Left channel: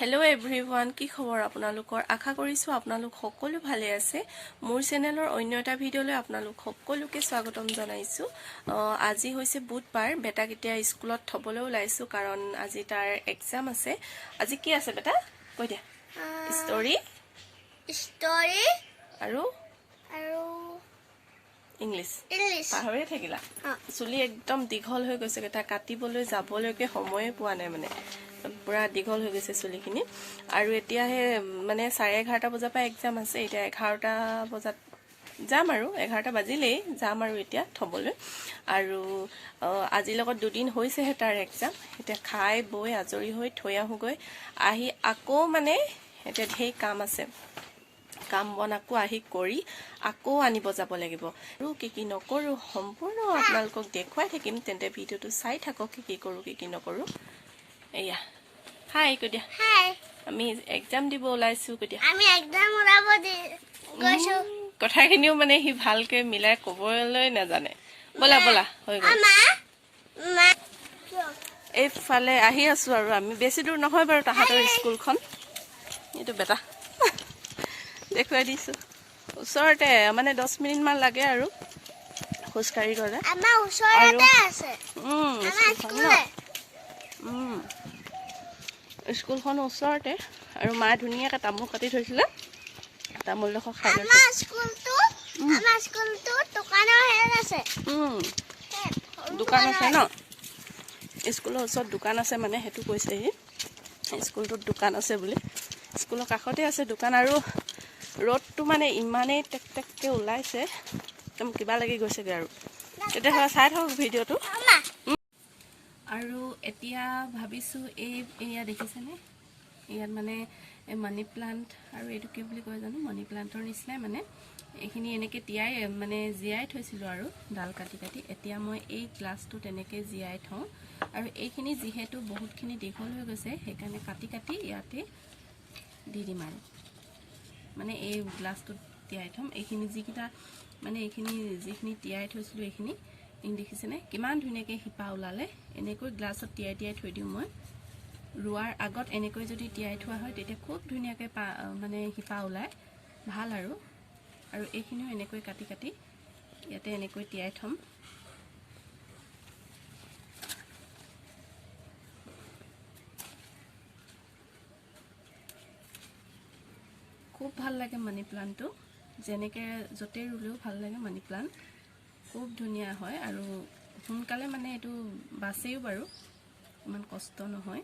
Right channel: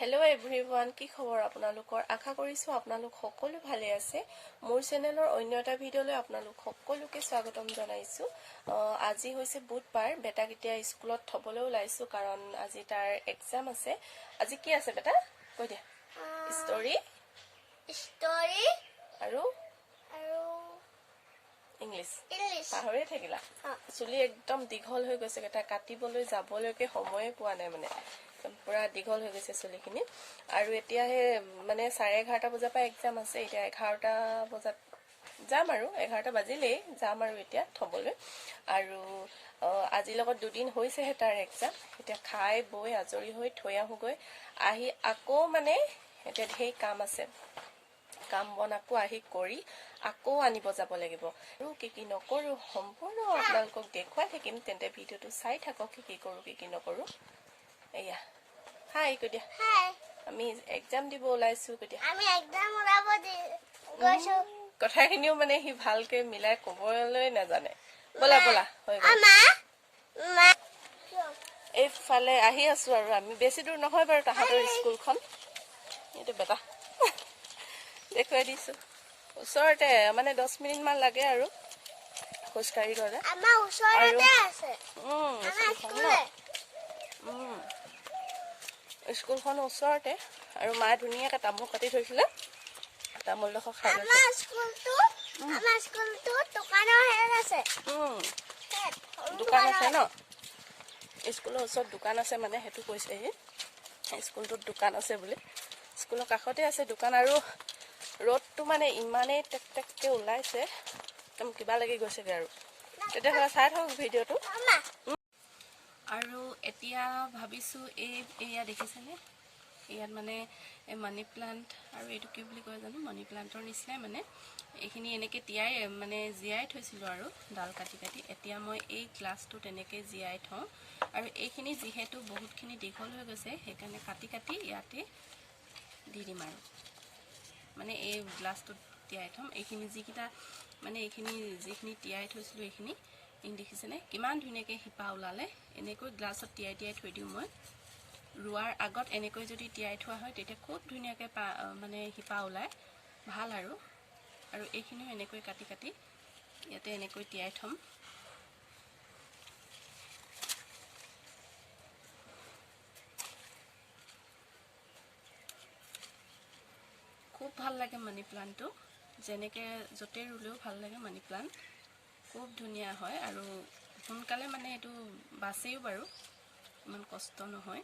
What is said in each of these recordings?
Hello everyone, কি খবৰ আপোনালোকৰ আশা কৰিছো আপোনালোক সকলো ভালে আছে মোৰ চেনেলৰ অন্য এটা ভিডিঅলৈ আপোনালোক সকলোকে স্বাগতম জনাইছো আজি হৈছে বুধবাৰ বেটা কেতিয়া স্কুলত থবলৈ ওলাইছো কাৰণ আজি তাৰ এক্সাম আছে আজি কি আছে বেটা কৈ দিয়া ষ্টৰী আৰু ইংলিশ পাহৰি থাকিলা চুলি একদম দীঘল হৈ গৈছে এটা কাটিবলৈ যাবলৈকে সময় পোৱা নাই মানে পুৰা দীঘল হৈ গৈছে চুলিখিনি আৰু এতিয়া হে মানে 11:30 বজাৰ পৰা এক্সাম আছে এতিয়া 11টা বজাত যাম আৰু 11টা বাজিলেই যাম আৰু এতিয়া থবলৈ আৰু আজি লগত দুদিন হৈছে হে তাৰ এক্সাম এতিয়া খাই বৈ আজৰি হৈ থৈ আহুগৈ আহি আকৌ মানে এতিয়া ঢেৰ কাম আছে কাম বনাকো আহি কৰি আকৌ আনিব যাব লাগিব আৰু কি নকৰো সম্পূৰ্ণ আপোনালোকক দেখুৱাই থাকিম তেন্তে ভিডিওটো চাই থাকক কি কৰো কি নকৰো এয়া হাই কৈ দিয়া হাই আমি এক্সাম দিব ওলাইছো কৈ দিয়া আমি এক্সাম ওলাব গৈছো কথাখিনিও মানে হি ভালকে মিলাই কবলৈ নাজানে বলা বলা হৈ গ'ল এইফালে আহি আছো আৰু আমি বেছি দূৰ নহয় বাৰু তাহাঁতৰ স্কুলখন এইটো বেটা দেখুৱাই দিছো ওচৰতে মানে 10 মিনিট মান লাগে আৰু খোজকাঢ়ি গ'লে আমাৰ ওচৰতে আছে স্কুলখন ওচৰতে আৰু মা ধুনীয়াকৈ তামোল কাটি থৈছিলে তামোল লখ খাই লৈছে আমাৰ স্কুলটো দোকানৰ হেৰি আছে দোকান আছে ন স্কুলৰ ওচৰত দোকান আছে মানে হেতু কৈছে স্কুলটোত দোকান আছে বুলি স্কুলৰ কাষতে আছে দোকান আৰু ৰ'দটো মানে ইমানেই টেকটেককে ওলাইছে একদম কিবা লাগি গৈছেগে আৰু তেতিয়া চাই থাকক ভিডিঅ'টো আৰু এতিয়া ভাবিছো এয়া দেখিছেনে ইয়াত মানে মানি প্লান্ট আৰু এইটো কি বুলি কয় জানো মানি প্লান্টৰ নিচিনা মানে এইখিনি এনেকে তিয়াই মানে জিয়াই থৈছিলো আৰু ডাল কাটি কাটি এতিয়া মই এই গ্লাছটো তেনেকে জিয়াই থওঁ আৰু এইখিনি যিহেতু বহুতখিনি দীঘল হৈ গৈছে সেইকাৰণে কাটি কাটি ইয়াতে দি দিম আৰু মানে এই গ্লাছটো তিয়াই থম এইখিনি যিকিটা মানে এইখিনি যিখিনি তিয়াই থৈছিলো এইখিনি দেখিছেনে কিমান ধুনীয়াকৈ হিপা ওলালে এনেকৈ গ্লাছত তিয়াই তিয়াই থৈ দিওঁ মই ৰুৱাৰ আগত এনেকৈ যদি তিয়াই থোৱা হয় তেতিয়া খুব ধুনীয়াকৈ মানে হিপা ওলায় ভাল আৰু এইখিনিও এনেকৈ কাটি কাটি ইয়াতে এনেকৈ তিয়াই থম খুব ভাল লাগে মানি প্লান্টটো যেনেকৈ য'তে ৰুলেও ভাল লাগে মানি প্লান্ট খুব ধুনীয়া হয় আৰু সোনকালে মানে এইটো বাছেও বাৰু ইমান কষ্ট নহয়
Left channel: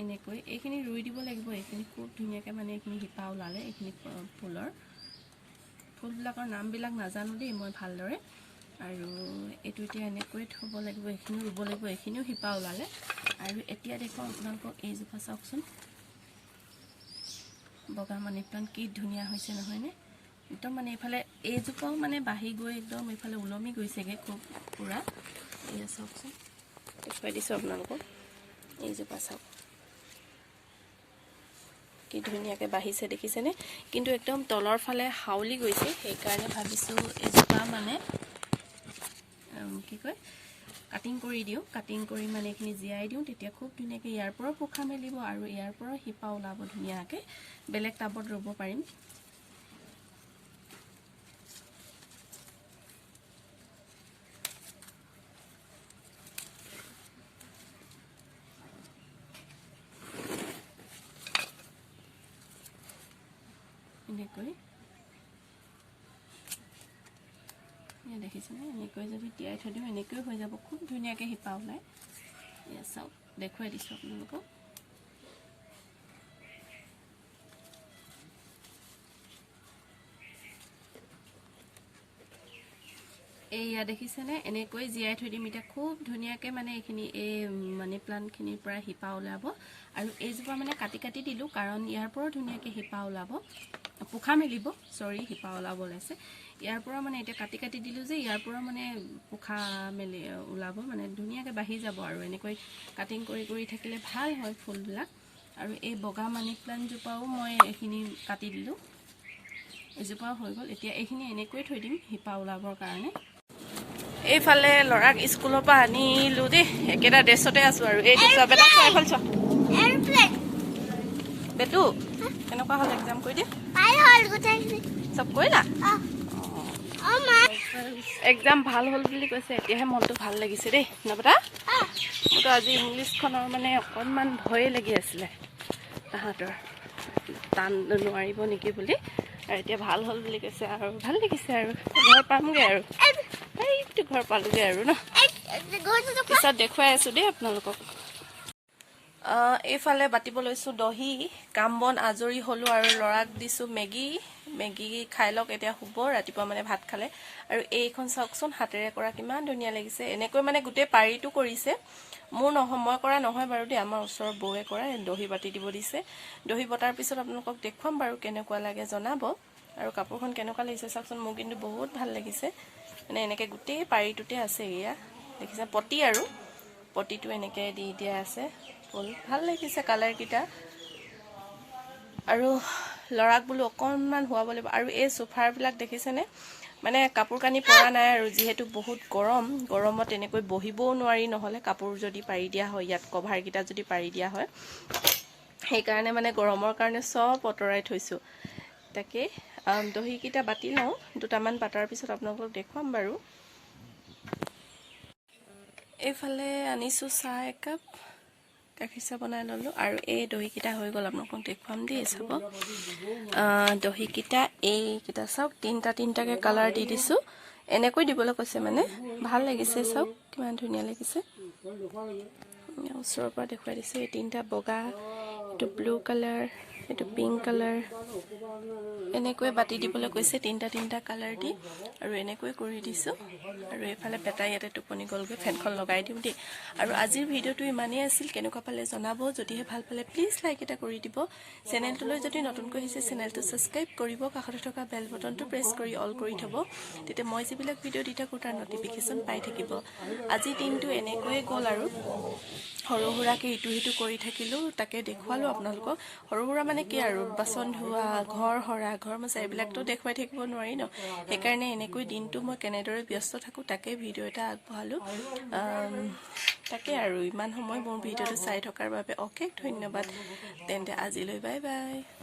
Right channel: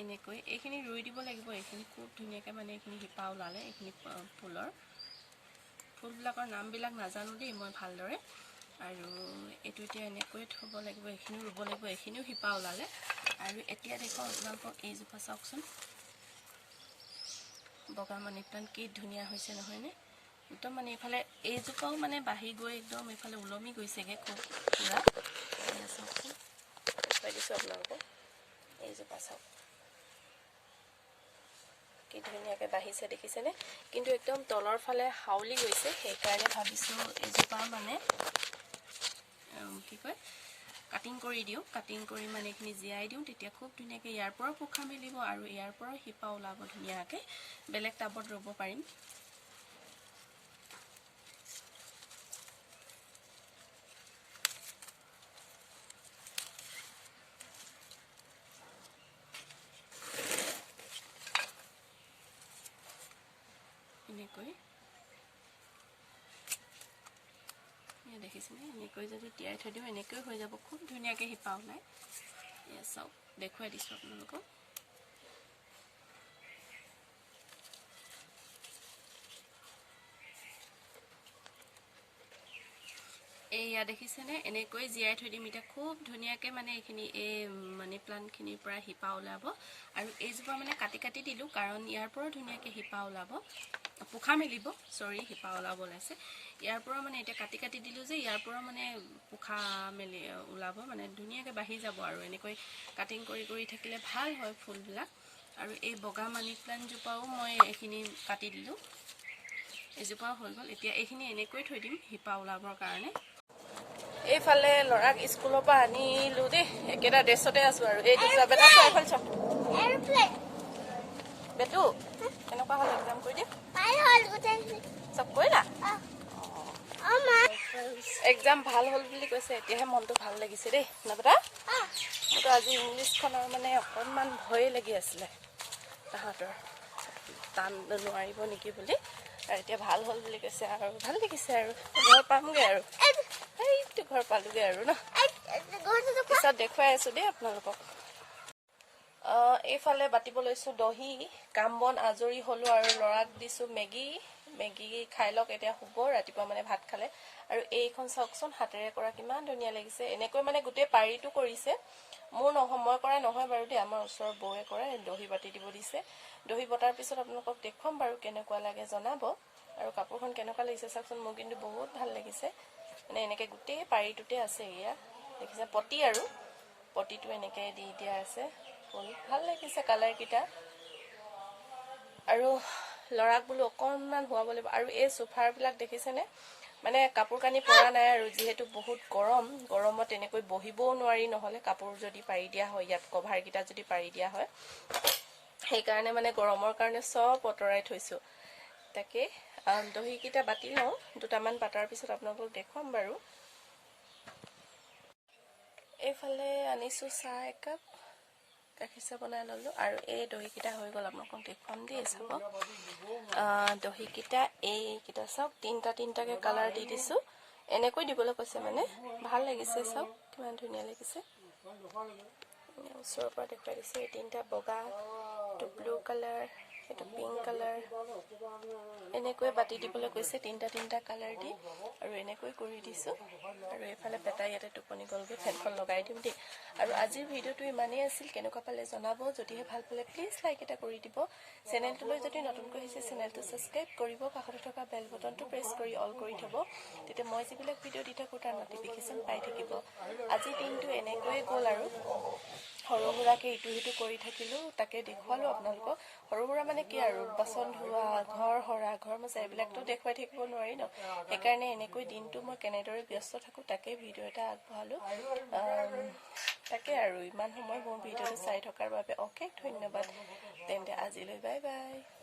এনেকৈ এইখিনি ৰুই দিব লাগিব এইখিনি খুব ধুনীয়াকৈ মানে এইখিনি হিপা ওলালে এইখিনি ফুলবিলাকৰ নামবিলাক নাজানো দেই মই ভালদৰে আৰু এইটো এতিয়া এনেকৈ থ'ব লাগিব এইখিনিও ৰুব লাগিব এইখিনিও হিপা ওলালে আৰু এতিয়া দেখো আপোনালোকক এইজোপা চাওকচোন বগা মানি প্লান্ট কি ধুনীয়া হৈছে নহয়নে একদম মানে এইফালে এইজোপাও মানে বাঢ়ি গৈ একদম এইফালে ওলমি গৈছেগে খুব পুৰা এয়া চাওকচোন দেখুৱাই দিছোঁ আপোনালোকক এইজোপা চাওক কি ধুনীয়াকৈ বাঢ়িছে দেখিছেনে কিন্তু একদম তলৰ ফালে হাউলি গৈছে সেইকাৰণে ভাবিছোঁ এইজোপা মানে কি কয় কাটিং কৰি দিওঁ কাটিং কৰি মানে এইখিনি জিয়াই দিওঁ তেতিয়া খুব ধুনীয়াকৈ ইয়াৰ পৰাও পোখা মেলিব আৰু ইয়াৰ পৰাও হিপা ওলাব ধুনীয়াকৈ বেলেগ টাবত ৰুব পাৰিম এনেকৈ দেখিছেনে এনেকৈ যদি তিয়াই থৈ দিওঁ এনেকৈ হৈ যাব খুব ধুনীয়াকৈ হিপা ওলায় এয়া চাওক দেখুৱাই দিছোঁ আপোনালোকক এয়া দেখিছেনে এনেকৈ জিয়াই থৈ দিম এতিয়া খুব ধুনীয়াকৈ মানে এইখিনি এই মানি প্লান্টখিনিৰ পৰা হিপা ওলাব আৰু এইজোপা মানে কাটি কাটি দিলোঁ কাৰণ ইয়াৰ পৰাও ধুনীয়াকৈ হিপা ওলাব পোখা মেলিব চৰি হিপা ওলাব ওলাইছে ইয়াৰ পৰা মানে এতিয়া কাটি কাটি দিলোঁ যে ইয়াৰ পৰা মানে পোখা মেলি ওলাব মানে ধুনীয়াকৈ বাঢ়ি যাব আৰু এনেকৈ কাটিং কৰি কৰি থাকিলে ভাল হয় ফুলবিলাক আৰু এই বগা মানি প্লান্টজোপাও মই এইখিনি কাটি দিলোঁ এইজোপাও হৈ গ'ল এতিয়া এইখিনি এনেকৈ থৈ দিম হিপা ওলাবৰ কাৰণে এইফালে ল'ৰাক স্কুলৰ পৰা আনিলো দেই একেটা ড্ৰেছতে আছো আৰু এইটো চোৱা বেটা চোৱা এইফালে চোৱা এৰপ্লেন বেটু কেনেকুৱা হ'ল এক্সাম কৰি দিয়ে পাই হ'ল গোটেই চব কৰিলা অ মা এক্সাম ভাল হ'ল বুলি কৈছে এতিয়াহে মনটো ভাল লাগিছে দেই ন বেটা মোৰতো আজি ইংলিছখনৰ মানে অকণমান ভয়ে লাগি আছিলে তাহাঁতৰ টান নোৱাৰিব নেকি বুলি আৰু এতিয়া ভাল হ'ল বুলি কৈছে আৰু ভাল লাগিছে আৰু ঘৰ পামগৈ আৰু এইটো ঘৰ পালোগৈ আৰু ন পিছত দেখুৱাই আছোঁ দেই আপোনালোকক এইফালে বাতিব লৈছোঁ দহি কাম বন আজৰি হ'লোঁ আৰু ল'ৰাক দিছোঁ মেগী খাই লওক এতিয়া শুব ৰাতিপুৱা মানে ভাত খালে আৰু এইখন চাওকচোন হাতেৰে কৰা কিমান ধুনীয়া লাগিছে এনেকৈ মানে গোটেই পাৰিটো কৰিছে মোৰ মই কৰা নহয় বাৰু দেই আমাৰ ওচৰৰ বৌৱে কৰা দহি বাতি দিব দিছে দহি বটাৰ পিছত আপোনালোকক দেখুৱাম বাৰু কেনেকুৱা লাগে জনাব আৰু কাপোৰখন কেনেকুৱা লাগিছে চাওকচোন মোৰ কিন্তু বহুত ভাল লাগিছে মানে এনেকৈ গোটেই পাৰিটোতে আছে এয়া দেখিছে পটি আৰু পটিটো এনেকৈ দি দিয়া আছে ফুল ভাল লাগিছে কালাৰকেইটা আৰু ল'ৰাক বোলো অকণমান শুৱাব লাগিব আৰু এই সোফাৰবিলাক দেখিছেনে মানে কাপোৰ কানি পৰা নাই আৰু যিহেতু বহুত গৰমত এনেকৈ বহিবও নোৱাৰি নহ'লে কাপোৰ যদি পাৰি দিয়া হয় ইয়াত কভাৰকেইটা যদি পাৰি দিয়া হয় সেইকাৰণে মানে গৰমৰ কাৰণে চব অঁতৰাই থৈছোঁ তাকে দহিকেইটা বাতি লওঁ দুটামান বাটাৰ পিছত আপোনালোকক দেখুৱাম বাৰু এইফালে আনিছোঁ চাহ একাপ গাখীৰ চাহ বনাই ল'লোঁ আৰু এই দহিকেইটা হৈ গ'ল আপোনালোকক দেখুৱাম দেই চাব দহিকেইটা এইকেইটা চাওক তিনিটাকৈ কালাৰ দি দিছোঁ এনেকৈ দিবলৈ কৈছে মানে ভাল লাগিছে চাওক কিমান ধুনীয়া লাগিছে ওচৰৰ পৰা দেখুৱাই দিছোঁ এই তিনিটা বগা এইটো ব্লু কালাৰ এইটো পিংক কালাৰ এনেকৈ বাতি দিবলৈ কৈছে তিনিটা কালাৰ দি আৰু এনেকৈ কৰি দিছোঁ আৰু এইফালে পেটাই ইয়াতে টোপনি গ'লগৈ ফেনখন লগাই দিওঁ দেই আৰু আজিৰ ভিডিঅ'টো ইমানেই আছিল কেনেকুৱা পালে জনাব যদিহে ভাল পালে প্লিজ লাইক এটা কৰি দিব চেনেলটোলৈ যদি নতুনকৈ আহিছে চেনেলটো ছাবস্ক্ৰাইব কৰিব কাষতে থকা বেল বটনটো প্ৰেছ কৰি অল কৰি থ'ব তেতিয়া মই যিবিলাক ভিডিঅ' দি থাকোঁ তাৰ নটিফিকেশ্যন পাই থাকিব আজি দিনটো এনেকৈয়ে গ'ল আৰু সৰু সুৰাকৈ ইটো সিটো কৰি থাকিলোঁ তাকে দেখুৱালোঁ আপোনালোকক সৰু সুৰা মানে কি আৰু বাচন ধোৱা ঘৰ সৰা ঘৰ মোচা এইবিলাকতো দেখুৱাই থাকিব নোৱাৰি ন সেইকাৰণে এনেকৈ দিনটো মই কেনেদৰে ব্যস্ত থাকোঁ তাকে ভিডিঅ' এটা আগবঢ়ালোঁ তাকে আৰু ইমান সময় মোৰ ভিডিঅ'টো চাই থকাৰ বাবে অশেষ ধন্যবাদ তেন্তে আজিলৈ বাই বাই